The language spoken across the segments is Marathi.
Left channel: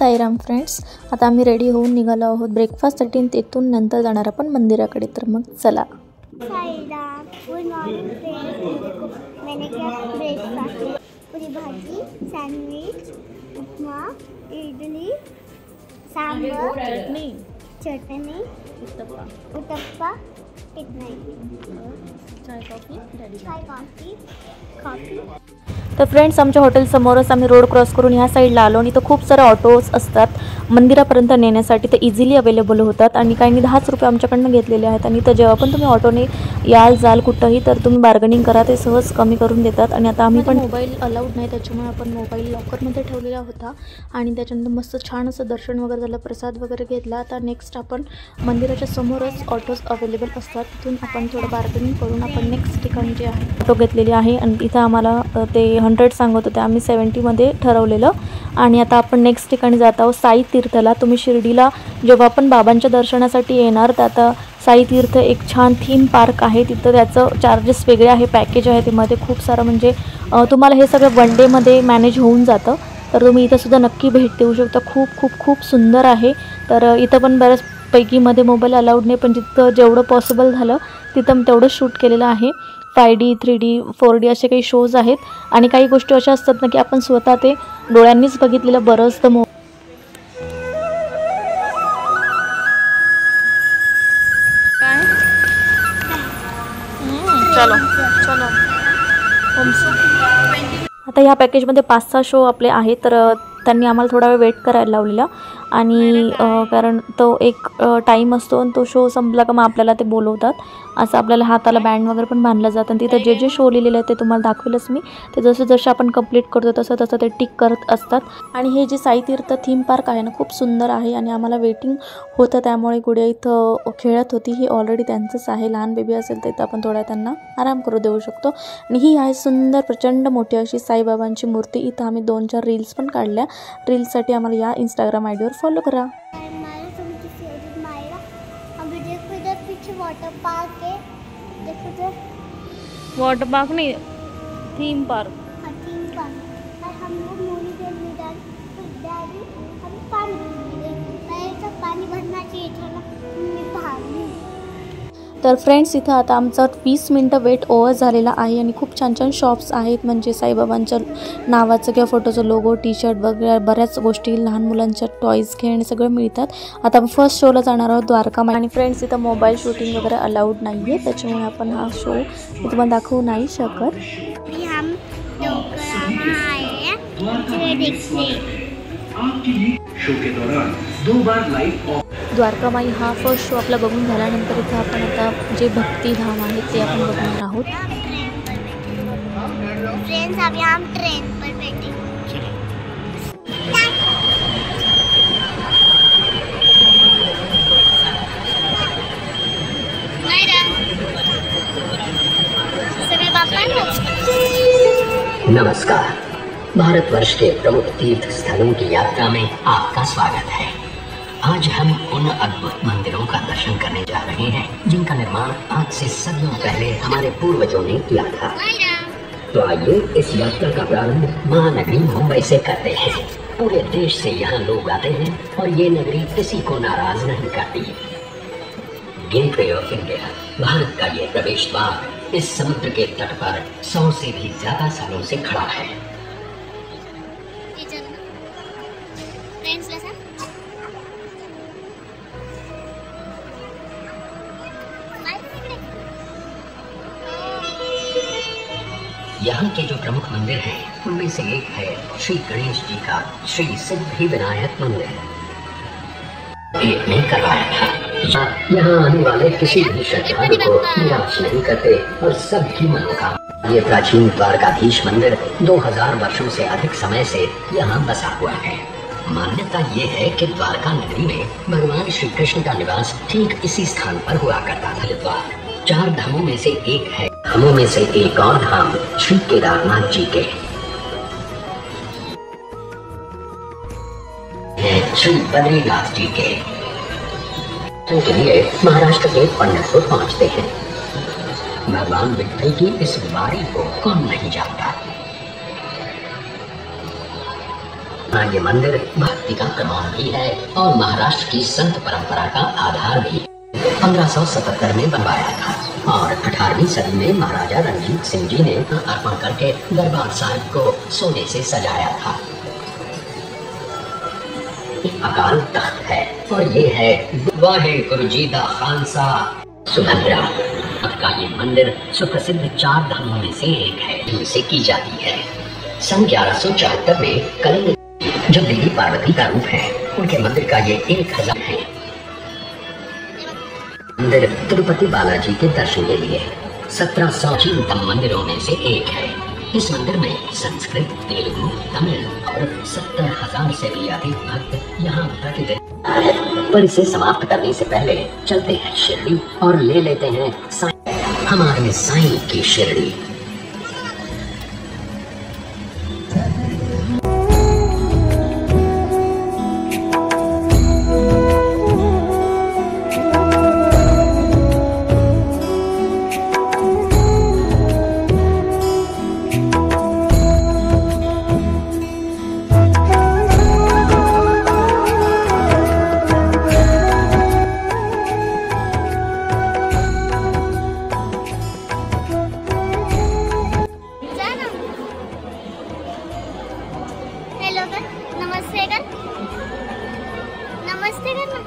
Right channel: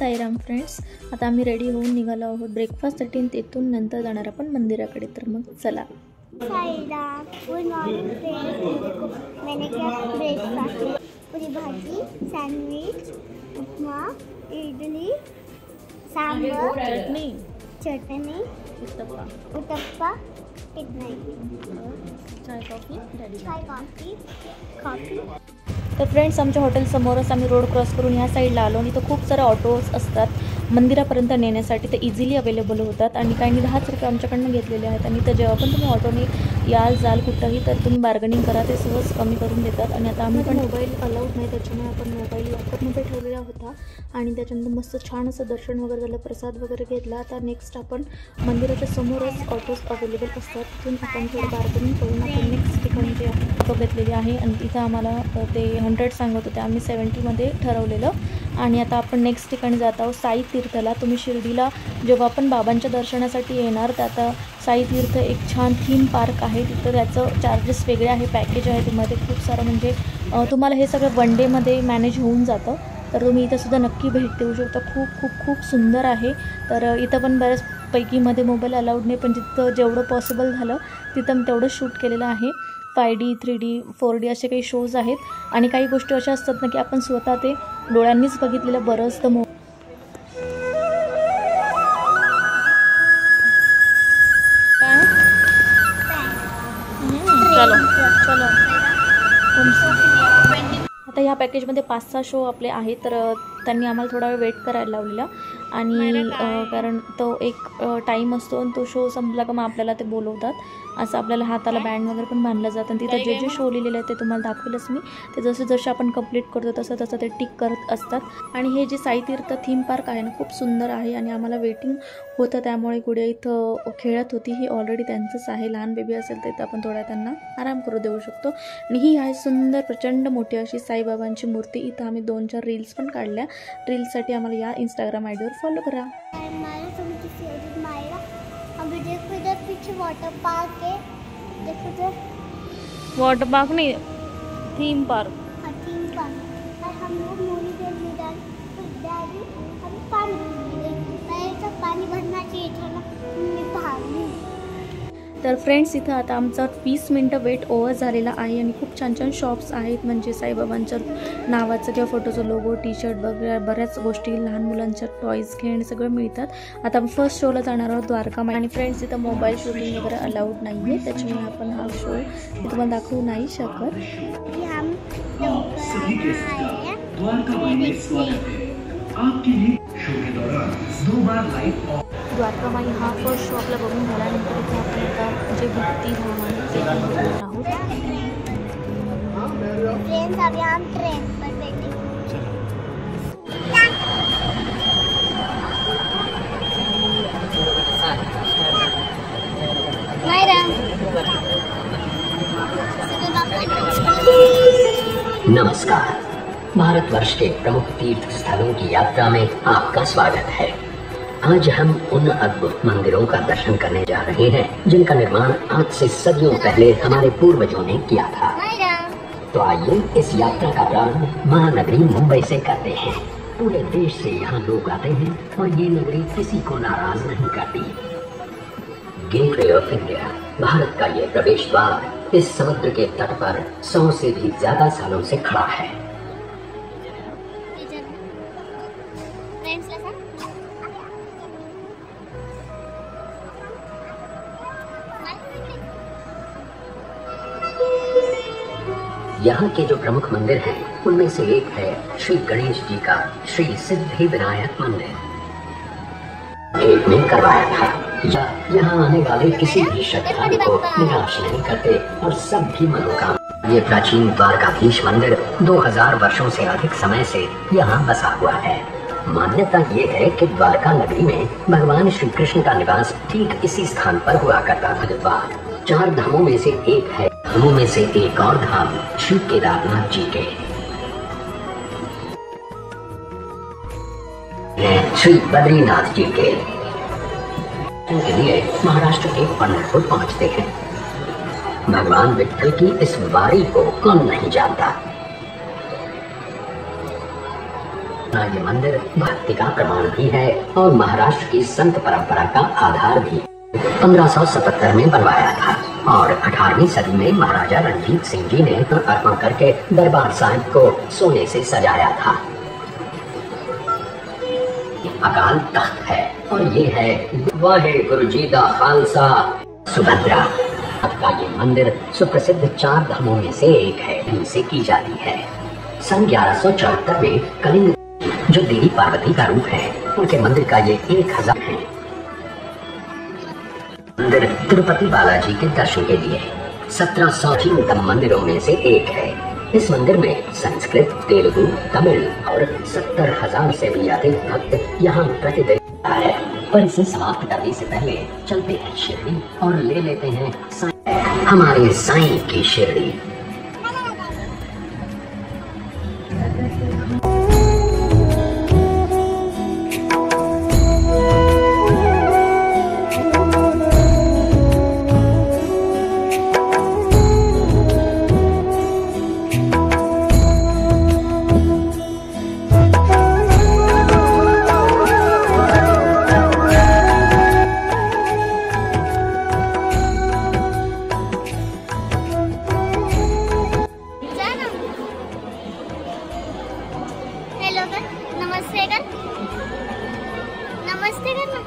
साईराम फ्रेंड्स, आता आम्ही रेडी होऊन निघालो आहोत ब्रेकफास्टसाठी. तिथून नंतर जाणार आपण मंदिराकडे. तर मग चला. Sairam, good morning friends. देखो मैंने क्या ब्रेकफास्ट में पूरी भाजी, सैंडविच, उपमा, इडली, सांभर, चटनी, उत्तप्पा, इतना ही. चाय कॉफी. तर फ्रेंड्स, आमच्या हॉटेल समोरच आम्ही रोड क्रॉस करून ह्या साईडला आलो आणि इथं खूप सारे ऑटोज असतात मंदिरापर्यंत नेण्यासाठी. ते इझिली अवेलेबल होतात आणि काहींनी 10 रुपये आमच्याकडनं घेतलेले आहेत. आणि तर जेव्हा पण तुम्ही ऑटोने याल जाल कुठंही तर तुम्ही बार्गनिंग करा, ते सहज कमी करून देतात. आणि आता आम्ही पण मोबाईल अलाउड नाही, त्याच्यामुळे आपण मोबाईल लॉकरमध्ये ठेवलेला होता. आणि त्याच्यानंतर मस्त छान असं दर्शन वगैरे झालं, प्रसाद वगैरे घेतला. आता नेक्स्ट आपण मंदिराच्या समोरच ऑटोज अवेलेबल असतात, तिथून आपण थोडं बार्गनिंग करून आपण नेक्स्ट ठिकाणी जे आहे ऑटो घेतलेली आहे. आणि इथं आम्हाला ते 100 सांगत होते, आम्ही 70मध्ये ठरवलेलं. आणि आता आपण नेक्स्ट ठिकाणी जात आहोत साई तीर्थला. तुम्ही शिर्डीला जेव्हा आपण बाबांच्या दर्शनासाठी येणार तर आता साई तीर्थ एक छान थीम पार्क आहे. तिथं त्याचं चार्जेस वेगळे आहे, पॅकेज आहे त्यामध्ये खूप सारं. म्हणजे तुम्हाला हे सगळं वन डेमध्ये मॅनेज होऊन जातं. तर तुम्ही इथंसुद्धा नक्की भेट देऊ शकता. खूप खूप खूप सुंदर आहे. तर इथं पण बऱ्याचपैकीमध्ये मोबाईल अलाउड नाही, पण जिथं जेवढं पॉसिबल झालं तिथं तेवढं शूट केलेलं आहे. 5D 3D 4D असे काही शोज आहेत. आणि काही गोष्टी अशा असतात ना की आपण स्वतः ते डोळ्यांनीच बघितलेलं बरं असतं. चलो चलो. आता ह्या पॅकेजमध्ये 5-6 शो आपले आहेत. तर त्यांनी आम्हाला थोडा वेळ वेट करायला लावलेला. आणि कारण तो एक टाईम असतो आणि तो शो संपला का मग आपल्याला ते बोलवतात. असं आपल्याला हाताला बँड वगैरे पण बांधलं जातं. आणि तिथं जे जे शो लिहिलेले आहेत ते तुम्हाला दाखवेलच मी. ते जसं जसं आपण कंप्लीट करतो तसं तसं ते टिक करत असतात. आणि हे जे साई तीर्थ थीम पार्क आहे ना, खूप सुंदर आहे. आणि आम्हाला वेटिंग होतं, त्यामुळे गुडिया इथं खेळत होती. ही ऑलरेडी त्यांचंच आहे. लहान बेबी असेल तर इथं आपण थोडा त्यांना आराम करू देऊ शकतो. आणि ही आहे सुंदर प्रचंड मोठी अशी साईबाबांची मूर्ती. इथं आम्ही 2-4 रील्स पण काढल्या. रील्ससाठी आम्हाला या इंस्टाग्राम आयडीवर फॉलो करा. वाटर पार्क है, देखो तो वाटर पार्क नहीं, थीम पार्क. हाँ, थीम पार्क. और हम लोग मोनी के मैदान तो डैडी हम पानी पहले तो पानी भरना चाहिए था ना, मैं भागी. तर फ्रेंड्स, इथं आता आमचा 20 मिनटं वेट ओव्हर झालेला आहे. आणि खूप छान छान शॉप्स आहेत, म्हणजे साईबाबांच्या नावाचं किंवा फोटोचं लोगो, टी शर्ट वगैरे बऱ्याच गोष्टी, लहान मुलांच्या टॉईज, खेळणे सगळं मिळतात. आता आपण फर्स्ट शोला जाणार आहोत द्वारका माई. आणि फ्रेंड्स, इथं मोबाईल शूटिंग वगैरे अलाउड नाही आहे, त्याच्यामुळे आपण हा शो मी तुम्हाला दाखवू नाही शकत. हम द्वारका माई हा फर्स्ट शो आपला बघून झाल्यानंतर इथे आपण आता जे भक्तिधाम आहे ते आपण बघणार आहोत. फ्रेंड्स, अभी हम ट्रेन पर बैठे. नमस्कार. भारतवर्ष के प्रमुख तीर्थ स्थलों की यात्रा में आपका स्वागत है. आज हम उन अद्भुत मंदिरों का दर्शन करने जा रहे हैं जिनका निर्माण आज से सदियों पहले हमारे पूर्वजों ने किया था. तो आइए इस यात्रा का प्रारंभ महानगरी मुंबई से करते हैं. पूरे देश से यहाँ लोग आते हैं और ये नगरी किसी को नाराज नहीं करती. गेटवे ऑफ इंडिया, भारत का ये प्रवेश द्वार इस समुद्र के तट पर 100 से भी ज्यादा सालों से खड़ा है. यहाँ के जो प्रमुख मंदिर हैं उनमें से एक है श्री गणेश जी का श्री सिद्धि विनायक मंदिर. भेंट में करवाया था. यहाँ आने वाले किसी भी श्रद्धालु को निराश नहीं करते और सबकी मनोकामना. ये प्राचीन द्वारकाधीश मंदिर 2000 वर्षों से अधिक समय से यहाँ बसा हुआ है. मान्यता ये है कि द्वारका नगरी में भगवान श्री कृष्ण का निवास ठीक इसी स्थान पर हुआ करता था. द्वार 4 धामों में से एक है. धामों में से एक और धाम श्री केदारनाथ जी के, श्री बद्रीनाथ जी के लिए महाराष्ट्र के पंढरपुर पहुंचते हैं. भगवान विठ्ठल की इस वारी को कौन नहीं जानता. ये मंदिर भक्ति का प्रमाण भी है और महाराष्ट्र की संत परंपरा का आधार भी। 1577 में बनवाया था और 18वीं सदी में महाराजा रणजीत सिंह जी ने अर्पण करके दरबार साहिब को सोने से सजाया था। अकाल तख्त है और ये है वाहे गुरु जी दा खालसा सुभद्रा का ये मंदिर सुप्रसिद्ध 4 धामों में से एक है जिनसे की जाती है। सन 1174 में कलिंग जो देवी पार्वती का रूप है उनके मंदिर का ये 1000 है। मंदिर तिरुपति बालाजी के दर्शन के लिए 1700 मंदिरों में से एक है। इस मंदिर में संस्कृत, तेलुगु, तमिल और 70,000 से भी अधिक भक्त यहाँ प्रतिदिन है। पर इसे समाप्त करने से पहले चलते हैं शिरडी और ले लेते हैं हमारे साईं की शिरडी। नमस्ते कर ना।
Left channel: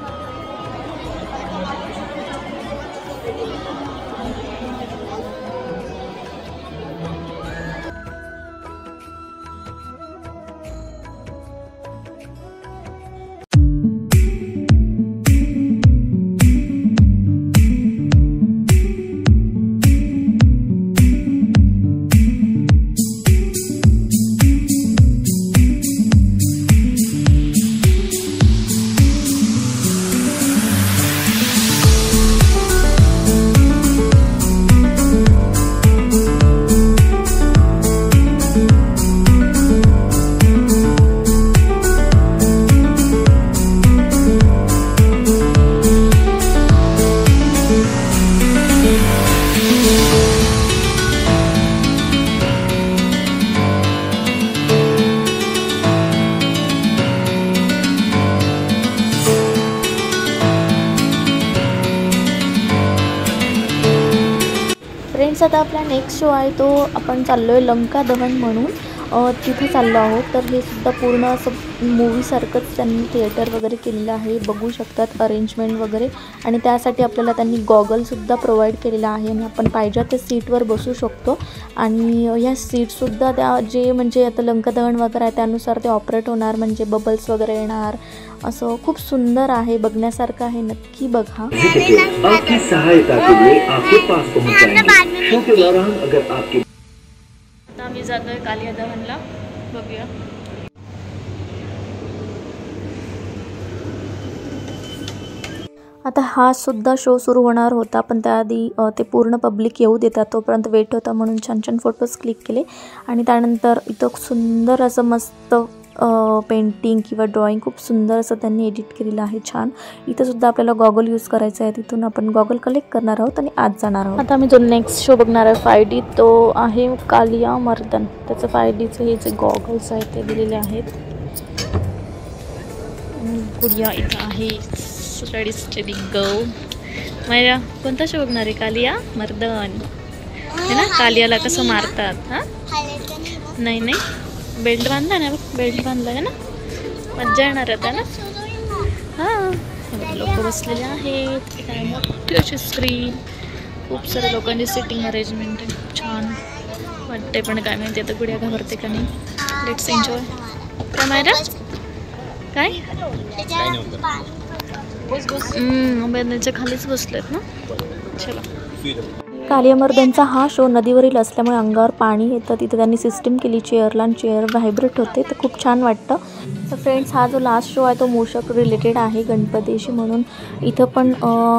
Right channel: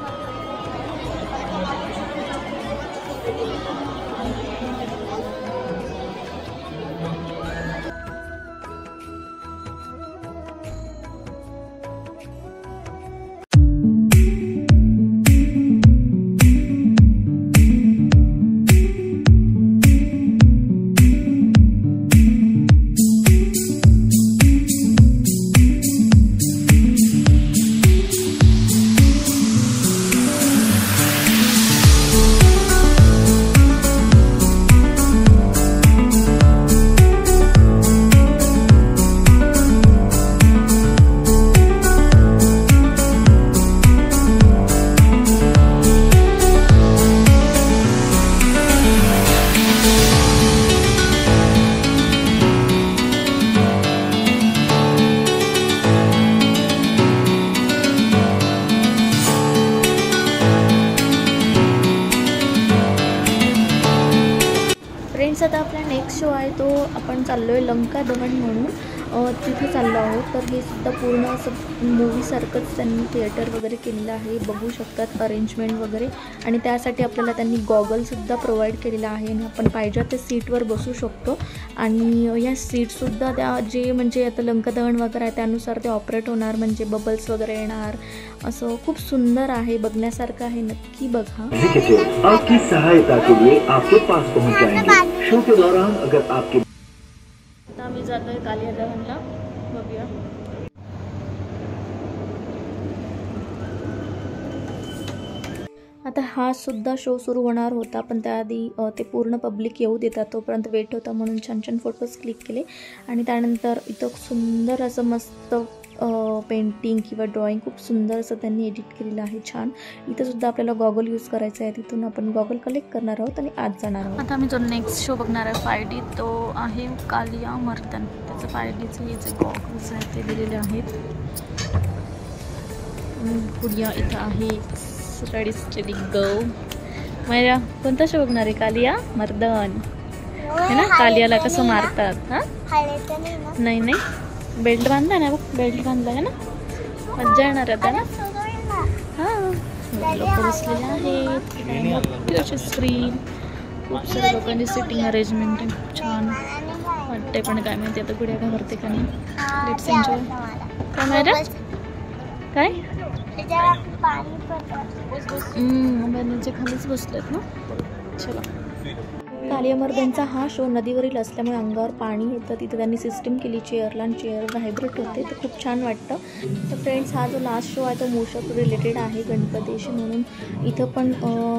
फ्रेंड्स, आता आपला नेक्स्ट शो आहे तो आपण चाललो आहे लंका दहन म्हणून तिथे चाललो आहोत। तर हे सुद्धा पूर्ण असं मूवीसारखंच त्यांनी थिएटर वगैरे केलेलं आहे, बघू शकतात अरेंजमेंट वगैरे। आणि त्यासाठी आपल्याला त्यांनी गॉगलसुद्धा प्रोव्हाइड केलेला आहे आणि आपण पाहिजे त्या सीटवर बसू शकतो। आणि या सीटसुद्धा त्या जे म्हणजे आता लंका दहन वगैरे आहे त्यानुसार ते ऑपरेट होणार, म्हणजे बबल्स वगैरे येणार, असं खूप सुंदर आहे, बघण्यासारखं आहे, नक्की बघा। आपकी सहायता के लिए आपके पास पहुंच जाएंगे। शो के दौरान अगर आपके आता आम्ही जातोय कालिया दहनला, बघूया। आता हा सुद्धा शो सुरू होणार होता, पण त्याआधी ते पूर्ण पब्लिक येऊ देतात तोपर्यंत वेट होता, म्हणून छान छान फोटोज क्लिक केले। आणि त्यानंतर इथं सुंदर असं मस्त पेंटिंग किंवा ड्रॉइंग खूप सुंदर असं त्यांनी एडिट केलेलं आहे, छान। इथं सुद्धा आपल्याला गॉगल यूज करायचा आहे, तिथून आपण गॉगल कलेक्ट करणार आहोत आणि आज जाणार आहोत। आता आम्ही जो नेक्स्ट शो बघणार आहे 5D, तो आहे कालिया मर्दन। त्याचं 5Dचं हे जे गॉगल्स आहेत ते दिलेले आहेत। गुडिया इथं आहे, स्टडी स्टडी गो। माझ्या कोणता शो बघणार आहे? कालिया मर्दन है ना? कालियाला कसं मारतात? हां नाही नाही, बेल्ट बांधला ना, बघ बेल्ट बांधला आहे ना, मज्जा येणार आता ना। हां, लोक बसलेले आहेत, काय मोठी अशी स्क्रीन, खूप सारे लोकांची सिटिंग अरेंजमेंट आहे, खूप छान वाटते। पण काय माहिती आता गुडिया घाबरते का नाही। Let's enjoy. काय मायरा काय बेडच्या खालीच बसलेत ना, चला। कालिया मर्दनचा हा शो नदीवरील असल्यामुळे अंगावर पाणी येतं, तिथे त्यांनी सिस्टीम केली चेअरला आणि चेअर व्हायब्रेट होते, तर खूप छान वाटतं। तर फ्रेंड्स, हा जो लास्ट शो आहे तो मूषक रिलेटेड आहे गणपतीशी, म्हणून इथं पण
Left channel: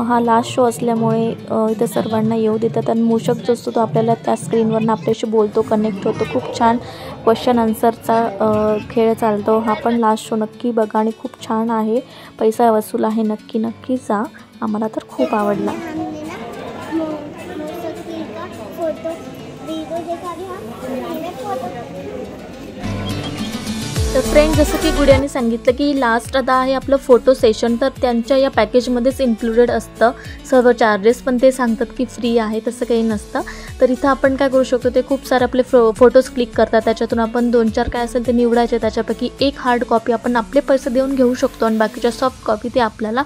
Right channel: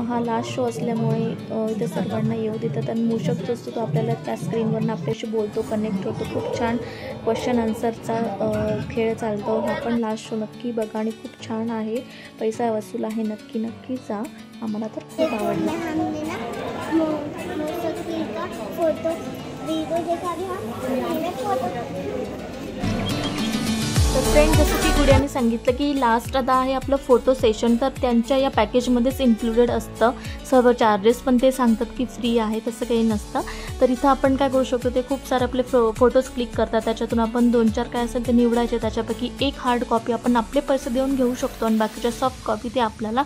हा लास्ट शो असल्यामुळे इथं सर्वांना येऊ देतात। आणि मूषक जो असतो तो आपल्याला त्या स्क्रीनवरनं आपल्याशी बोलतो, कनेक्ट होतो, खूप छान क्वेश्चन आन्सरचा खेळ चालतो। हा पण लास्ट शो नक्की बघा आणि खूप छान आहे, पैसा वसूल आहे, नक्की नक्की जा, आम्हाला तर खूप आवडला। फोटो वीडियो देखा भी हम फोटो तर फ्रेंड, जसं की गुडियाने सांगितलं की लास्ट आता आहे आपलं फोटो सेशन, तर त्यांच्या या पॅकेजमध्येच इन्क्लुडेड असतं सर्व चार्जेस, पण ते सांगतात की फ्री आहे, तसं काही नसतं. तर इथं आपण काय करू शकतो, ते खूप सारे आपले फोटोज क्लिक करतात, त्याच्यातून आपण 2-4 काय असेल ते निवडायचे, त्याच्यापैकी एक हार्ड कॉपी आपण आपले पैसे देऊन घेऊ शकतो आणि बाकीच्या सॉफ्ट कॉपी ते आपल्याला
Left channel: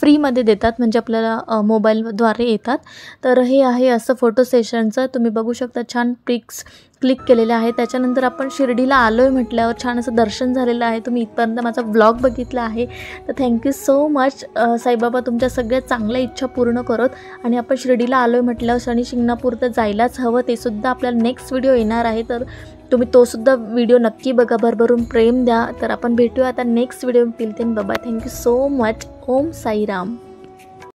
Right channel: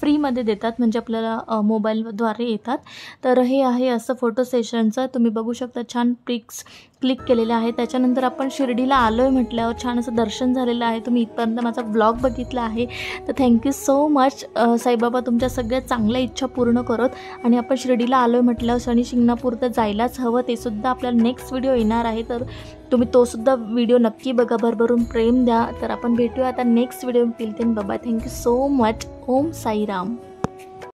फ्रीमध्ये देतात, म्हणजे आपल्याला मोबाईलद्वारे येतात. तर हे आहे असं फोटो सेशनचं. तुम्ही बघू शकता छान पिक्स क्लिक केलेले आहे. त्याच्यानंतर आपण शिर्डीला आलो आहे म्हटल्यावर छान असं दर्शन झालेलं आहे. तुम्ही इथपर्यंत माझा व्लॉग बघितला आहे, तर थँक्यू सो मच. साईबाबा तुमच्या सगळ्या चांगल्या इच्छा पूर्ण करत. आणि आपण शिर्डीला आलो आहे म्हटल्यावर शनी शिंगणापूर तर जायलाच हवं, ते सुद्धा आपल्याला नेक्स्ट व्हिडिओ येणार आहे, तर तुम्ही तो सुद्धा व्हिडिओ नक्की बघा, भरभरून प्रेम द्या. तर आपण भेटूया आता next video. Till then bye bye, thank you so much. Om Sairam.